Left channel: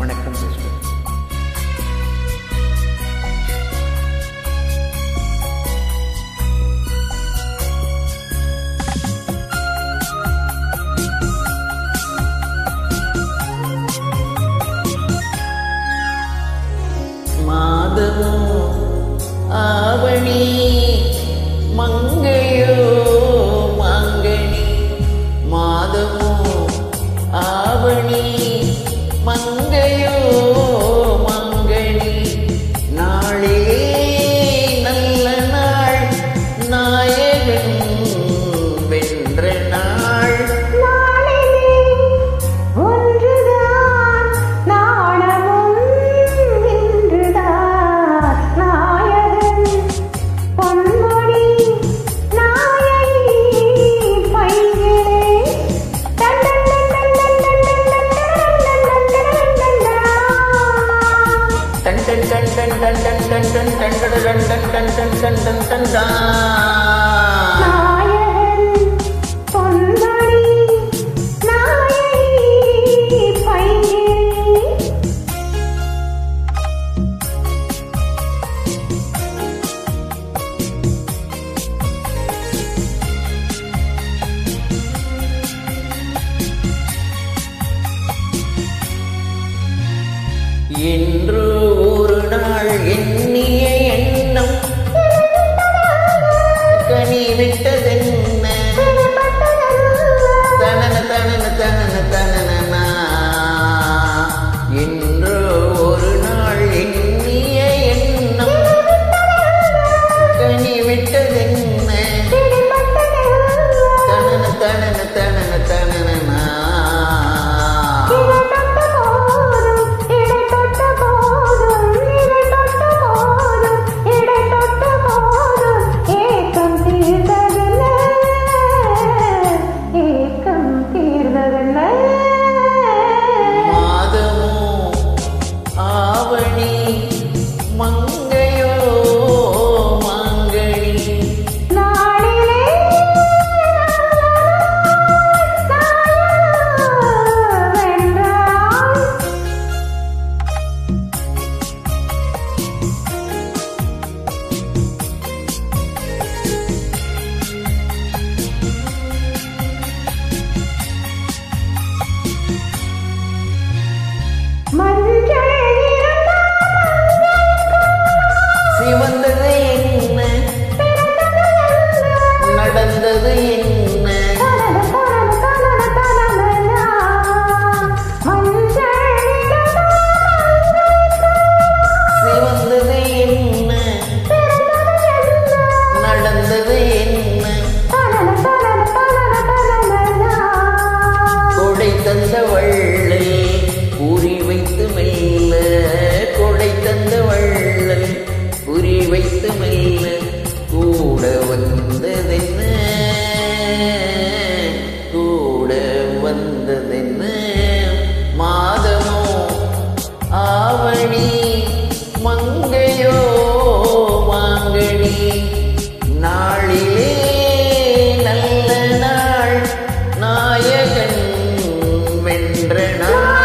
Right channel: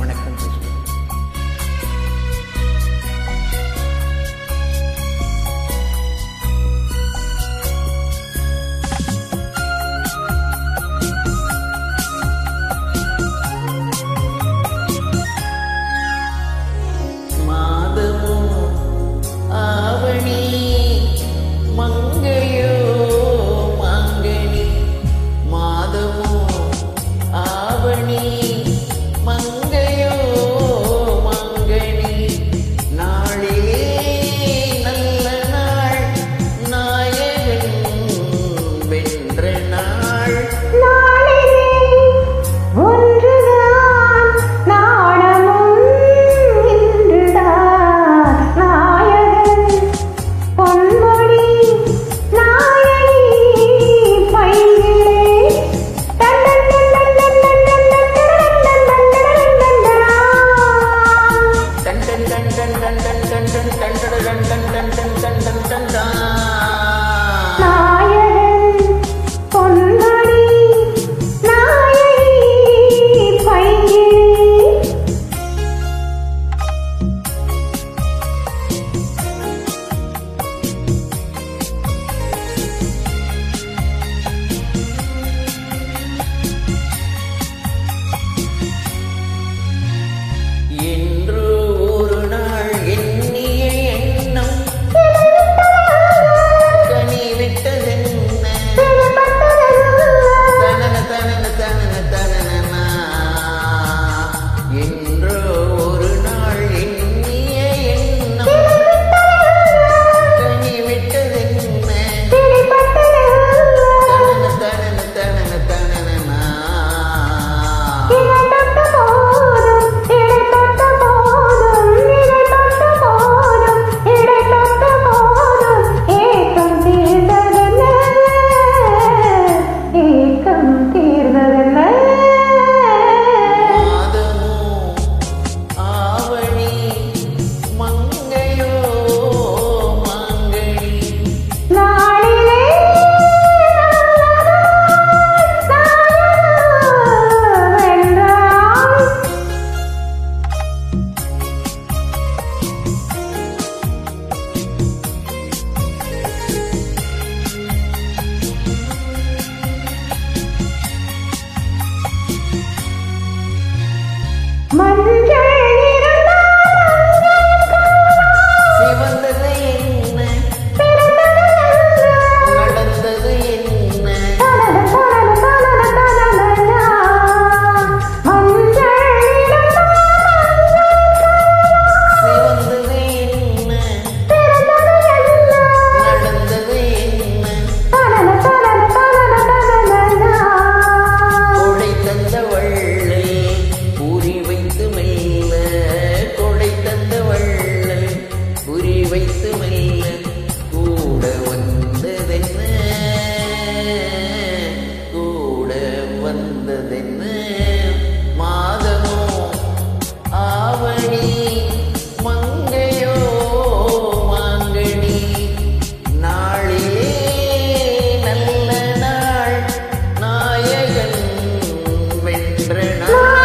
வணக்கம் சிஸ்டர். மாதமோ ஆவணி மங்கையோ மாங்கனி, மாதமோ ஆவணி மங்கையோ மாங்கனி, நாளிலே நல்ல நாள் நாயகன் வென்ற நாள். நாயகன் பொன்மணி நாயகி பைங்கிளி. என்று ஒரு நாள் எண்ணிய எண்ணம் கனி விட்டதென்ன, தனன தனன தனன தனனா. என்று ஒரு நாள் எண்ணிய எண்ணம் கனி விட்டதென்ன, தனன தனன தனன தனனா. மாதமோ ஆவணி மங்கையோ மாங்கனி, நாளிலே வென்றாள். மஞ்சள் சிவந்தது என்ன நடந்தது என்ன, சிவந்தது என்ன நடந்தது என்ன. கொடை தந்த வள்ளல் குறி வைத்து மெல்ல, கொடை தந்த வள்ளல் குறி வைத்து மெல்ல, கூட வந்ததென்ன கூட வந்ததென்ன. மாதமோ ஆவணி மங்கையோ மாங்கனி, நாளிலே நல்ல நாள் நாயகன் வென்ற நாள்.